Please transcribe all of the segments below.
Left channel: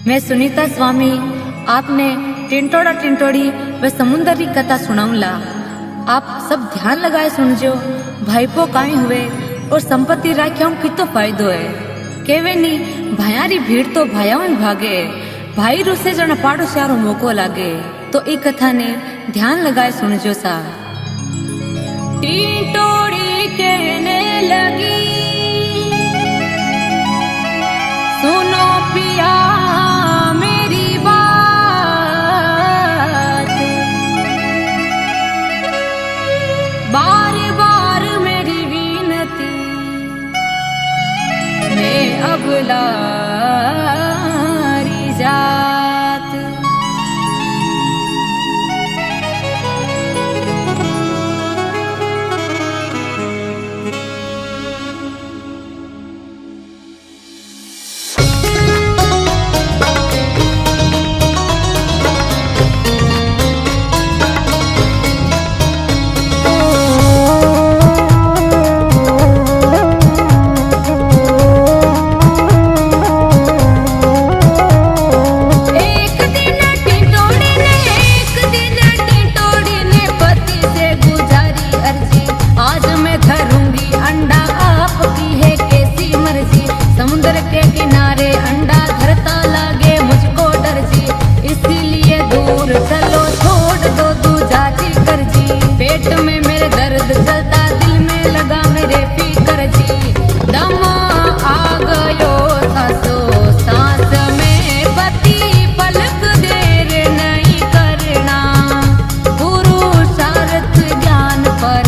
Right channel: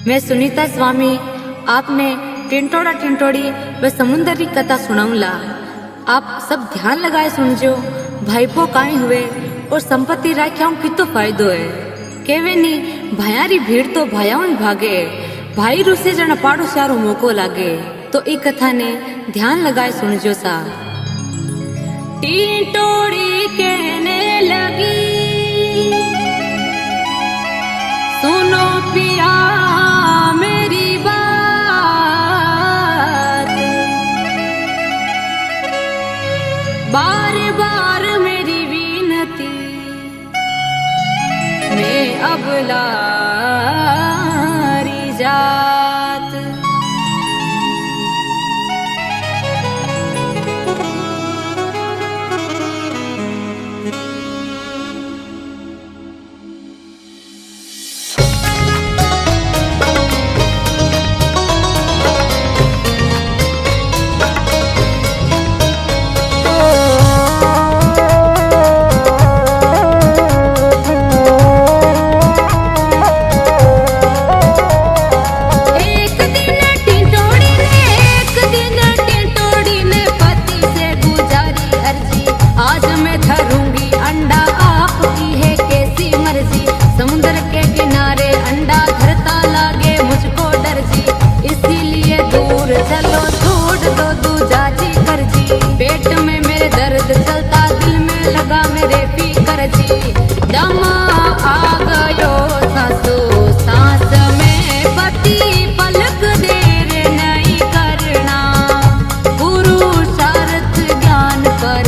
मैं सुनीता स्वामी आपने टिंटोड़ा टिंटोड़ी व समुंदर की कथा सुनाऊंला। आप सब ध्यान लगाए सुनजो। भाईपो काई हुए और संपत्ति राख्याओं कितो फायदो है। केवे नी भायारी भीड़ तो भायाओं ही भागे, भाई रुसे जन पाड़ो सारो मौको लागे। तो ई कथा ने ध्यान लगाए सुनजो सा। टिंटोड़ी कहने लगी, सुनो पिया मेरी बात, बार बार मेरी विनती मैं अबलारी जात। आज मैं धरूंगी अंडा, आपकी है कैसी मर्जी। समुद्र के किनारे अंडा धरता लागे मुझको डर जी, इसीलिए दूर चलो छोड़ दो दूजा जी कर जी। पेट में मेरे दर्द चलता, दिल में लगा मेरे फिकर जी। दम आ गयो सासो सांस में पति, पलक देर नहीं करना। पुरुषार्थ ज्ञान पर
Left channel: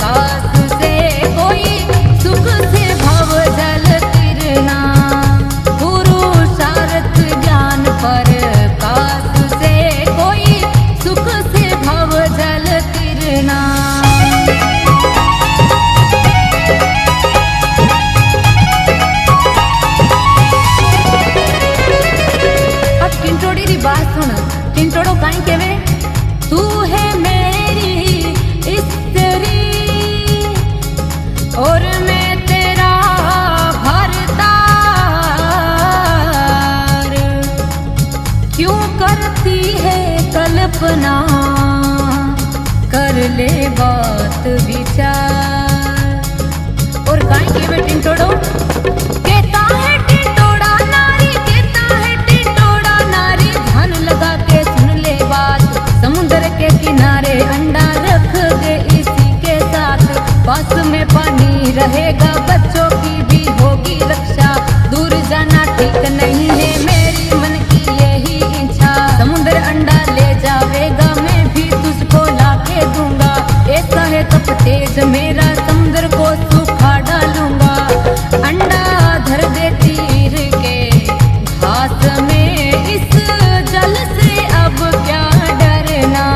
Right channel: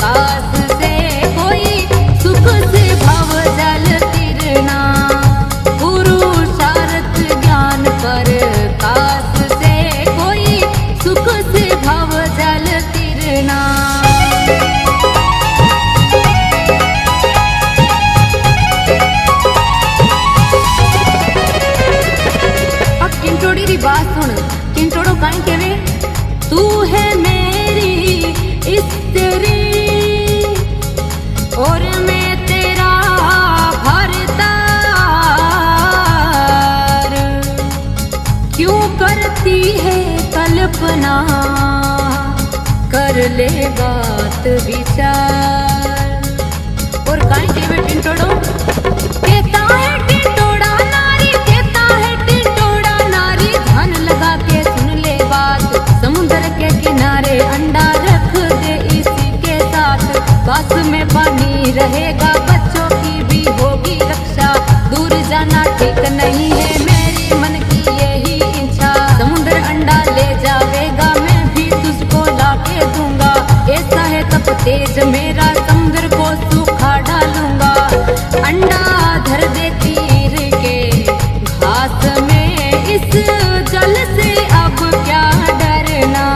कास से कोई सुख से भव जल तिरना। पुरुषार्थ ज्ञान पर कास से कोई सुख से भव जल तिरना। अब टिंटोड़ी री बात सुन। टिंटोड़ो काई केवे, तू है मेरी स्त्री और मैं तेरा भरतार। क्यों करती है कल्पना, कर ले बात विचार। और काई केवे टिंटोड़ो, कहता है टिंटोड़ा नारी, कहता है टिंटोड़ा नारी। ध्यान लगा के सुन ले बात, समुद्र के किनारे अंडा रख दे इसी के साथ। पास में पानी रहेगा, बच्चों की भी होगी रक्षा। दूर जाना ठीक नहीं है, मेरी मन की यही इच्छा। समुद्र अंडा ले जावेगा, मैं भी तुझको लाके दूंगा। ऐसा है तप तेज मेरा, समुद्र को सूखा डालूंगा। अंडा धर दे तीर के घास में, इस जल से अब क्या डरना।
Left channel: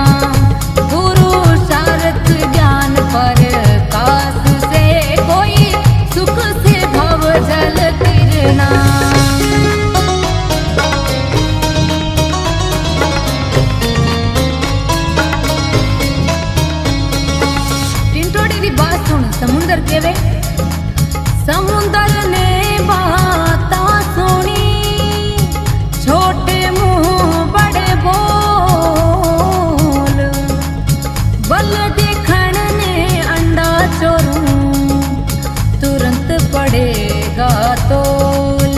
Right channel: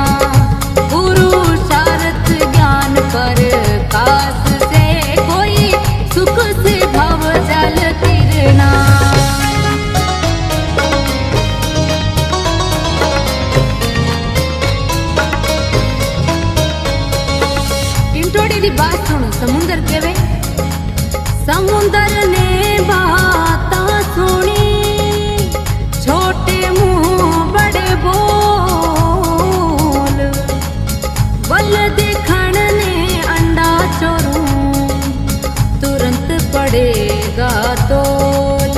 पुरुषार्थ ज्ञान पर कास से कोई सुख से भव जल तिरना। टिंटोड़ी री बात सुन। समुंदर केवे, समुंदर ने बातां सुनी, छोटे मुंह बड़े बोल। बल देखण ने अंडा चोरूं, तुरंत पड़ेगा तोल।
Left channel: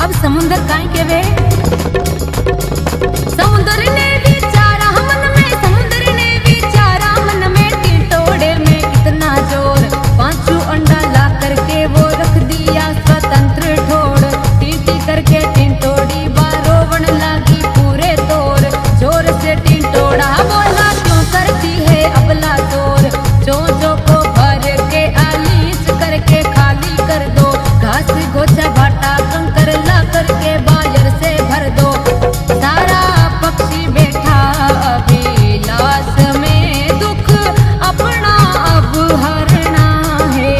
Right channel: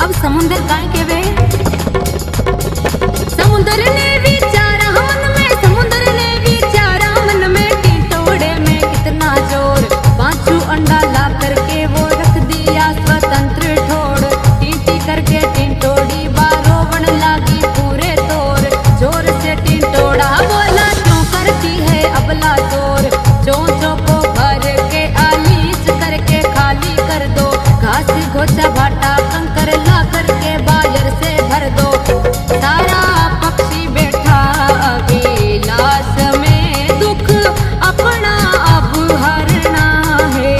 अब समुंदर काई केवे, समुंदर ने विचारा मन में, समुंदर ने विचारा मन में। टिंटोड़े में कितना जोर, पांचू अंडा ला करके वो रख दिया स्वतंत्र ठोड़। टीटी करके टिंटोड़ी बारोवण लागी पूरे तोर। जोर से टिंटोड़ा बोला, क्यों करती है अबला तोर। चोंचों को भर के आलीच करके खाली कर दो। घास घोचा भाटा कंकर ला करके बायर से भर दो। सारा पक्षी बैठा अभिलाष में, दुख अपना अब हरना है।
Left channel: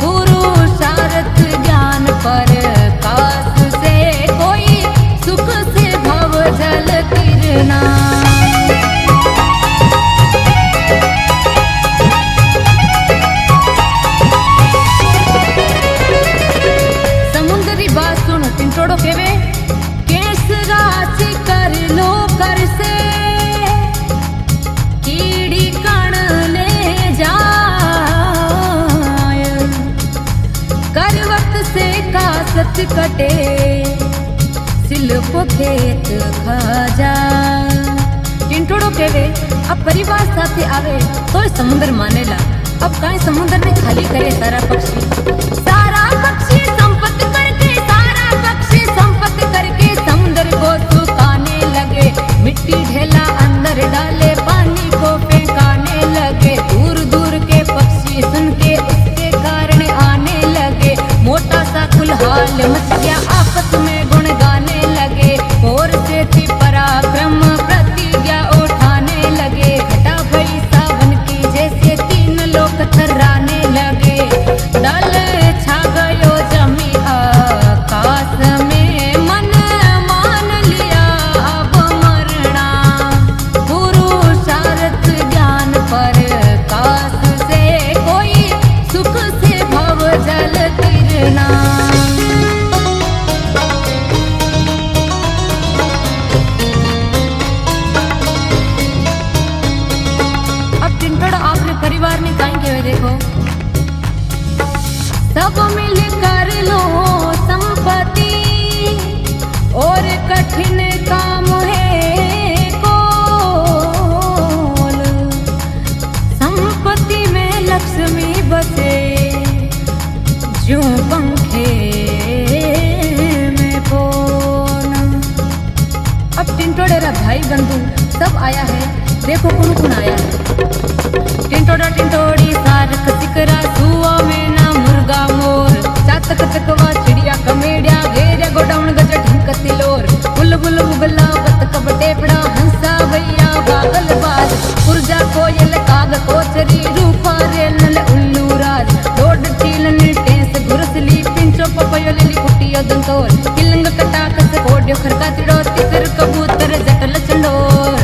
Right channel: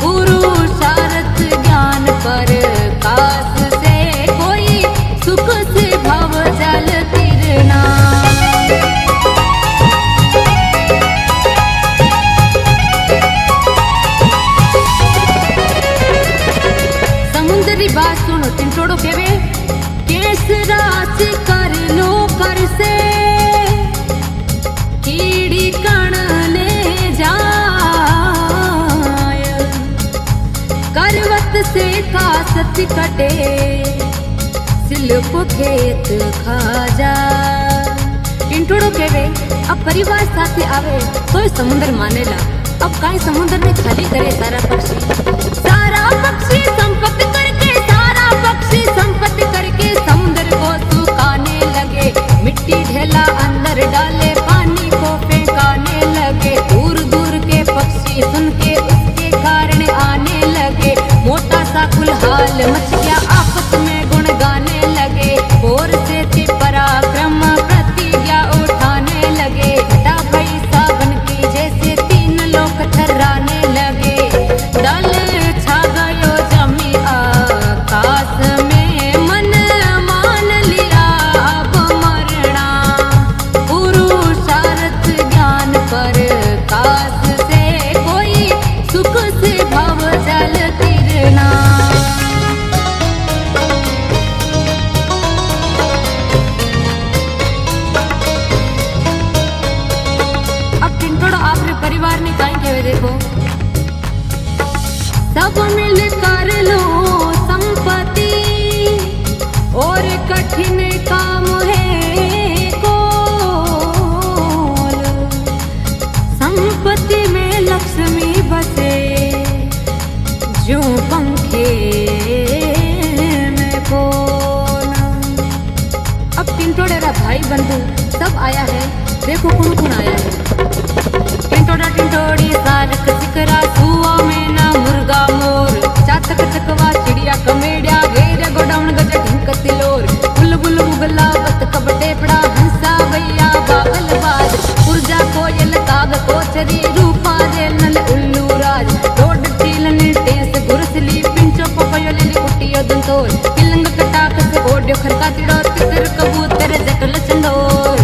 पुरुषार्थ ज्ञान पर कास से कोई सुख से भव जल तिरना। टिंटोड़ो केवे केस रास कर लो कर से कीड़ी कण ले जाय करवत से कासत कटे सिल्प खेत खा जा। टिंटोड़ो केवे अब परिवार साथे आवे तो समुद्र मानेला। अब काई समुद्र ने खाली करे सारा पक्षी संपत्ति करके सारा पक्षी संपत्ति करके समुद्र को सुखाने लगे। मिट्टी ढेला अंदर डाले पानी को फेंकाने लगे। दूर दूर के पक्षी सुन के उसके कारण आने लगे। मोटा सा कुलहाल मच गया आपस में गुण गाने लगे। और से थी पराक्रम प्रतिज्ञा उठाने लगे। घटा भई सावन की जैसे तीन लोग थर्राने लगे। दल छा गयो जमी आकाश में मन मान लिया अब मरना। पुरुषार्थ ज्ञान पर काश से कोई सुख से भव जल तिरना। परिवार ने काई कहे देखो सब मिल कर लो संपत्ति और कठिन काम है कोल। संपत्ति में लक्ष्मी बसे जो पंखे में पोन। अब टिंटोड़े रा भाई बंधु सब आया है। देखो कौन कौन आया है। टिंटोड़ा टिंटोड़ी सारक सिकरा सुआ में ना मुर्गा मोर। चातक चकवा चिड़िया कमेड़िया घेरे गोडाउन गज ढिंक तिलोर। बुलबुल बुगला बत कबटे पड़ा हंसा भैया बागल बाज। पुरजा कोयल काग कोचरी रूपा रेल नल उल्लू राज। डोड टीलन टेंस गुरसली पिंचो पपयो लिली कुटियो दंतोर। किलंग कटाक से कोड्यो खरका तिड़ो तितर कबूतर जकल चंडोर।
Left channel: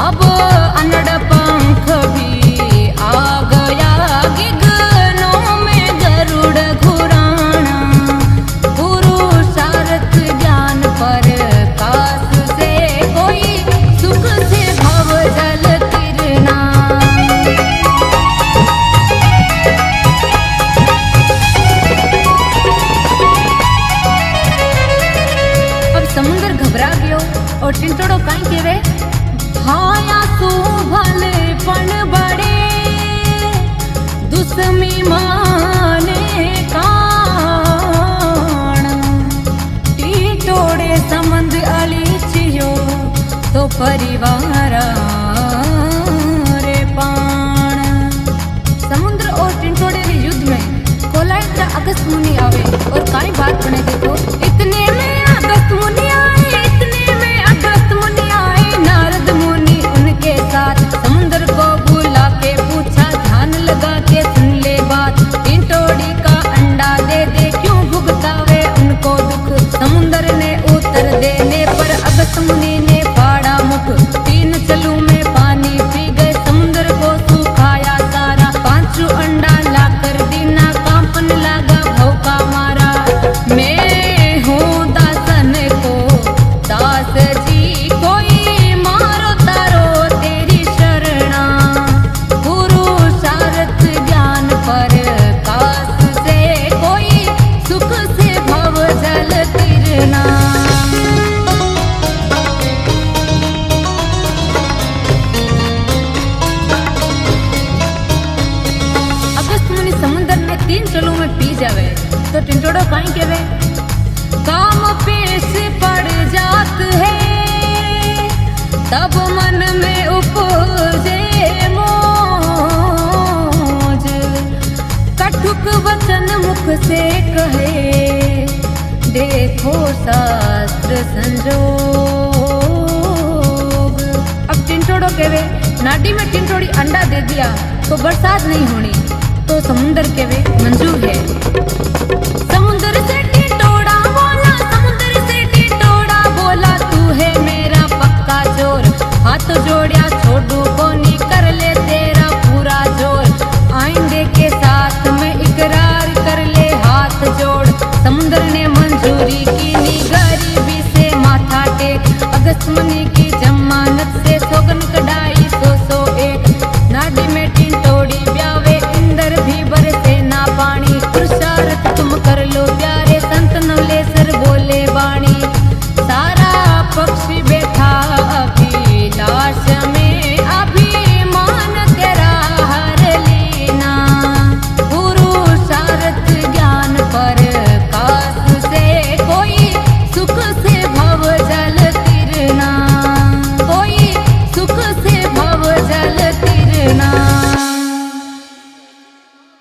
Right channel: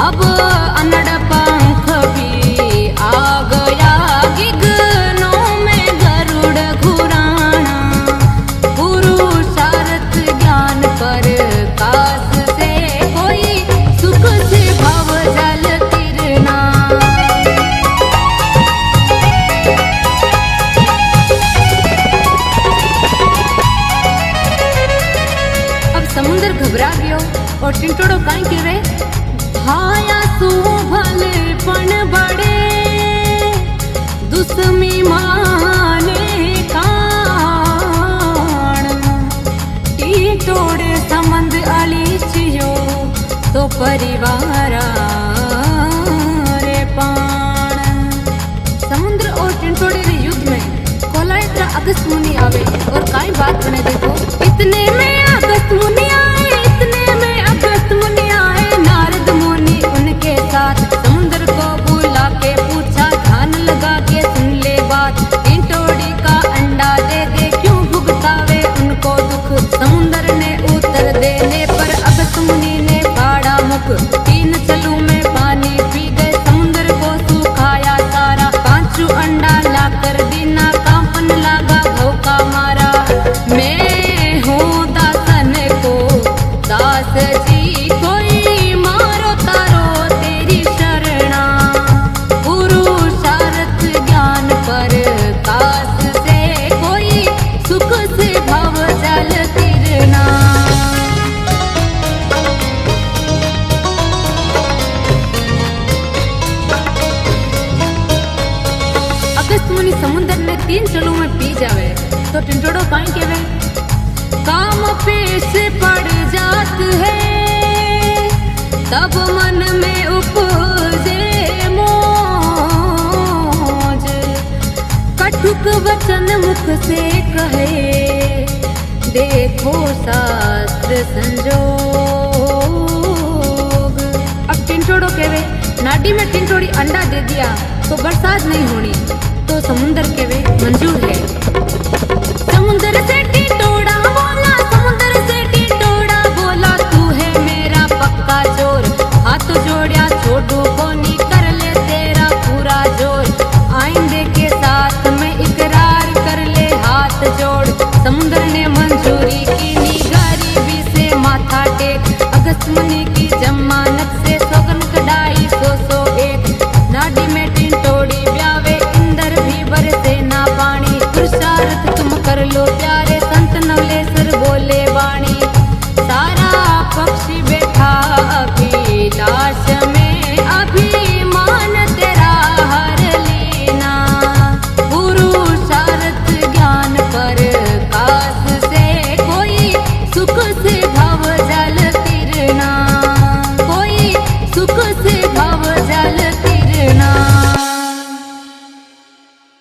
अब अनड़ पंख भी आ गया गिगनों में गरुड़ घुराना। पुरुषार्थ ज्ञान पर काश से कोई सुख से भव जल तिरना। अब समुद्र घबरा गयो और टिंटोड़ो काई केवे भाया सू भले पण बड़े दुश्मी माने कान। टिंटोड़े समंद अली चियो तो परिवार रे पान। समुद्र और टिंटोड़े रे युद्ध में कोलायत्रा अगस्त मुनि आवे और काई बात बने देखो। इतने में अगस्त मुनि आए, इतने में अगस्त मुनि आए। नारद मुनि उनके साथ समुद्र को बुला के पूछा ध्यान लगा के सुन ले बात। टिंटोड़ी का अंडा दे दे क्यों भुगतावे उनको दुख। समुद्र ने उत्तर देने पर अगस्त मुनि ने फाड़ा मुख। 3 चलू में पानी पी गए समुद्र को सुखाया सारा। 5 अंडा लाकर दीना कांपन लगा भौका मारा। मैं हूँ दासन को दास जी कोई मारो तारो तेरी शरणा। पुरुषार्थ ज्ञान पर काश से कोई सुख से भव जल तिरना। अगस्त मुनि समुद्र ने 3 चलू में पी जावे तो टिंटोड़ो काई केवे काम पेश पड़ जात है। तब मन में उपजे मोज। कटुक वचन मुख से कहे देखो शास्त्र संजोग। अब टिंटोड़ो केवे नाडी में टिंटोड़ी अंडा दे दिया तो बरसात नहीं होनी। तो समुद्र केवे मंजूर है। समुद्र से टिंटोड़ा बोला, समुद्र से टिंटोड़ा बोला तू है मेरा पक्का चोर। हाथ जोड़िया छोड़ू कोनी कर ले तेरा पूरा जोर। आइंदे के साथ में इकरार कर ले हाथ जोड़। समुद्र ने मंजूरी की निगाह एक। अगस्त मुनि की जमानत से सोगन कढ़ाई 100 नाडी में टिंटोड़ी ब्यावे इंदर भी बरसे ना पानी। पुरुषार्थ तुम कर लो प्यारे संत नवलेसर बोले वाणी। सारा पक्षी बैठा अभिलाष में अभिमान तेरा हर लीना। पुरुषार्थ ज्ञान पर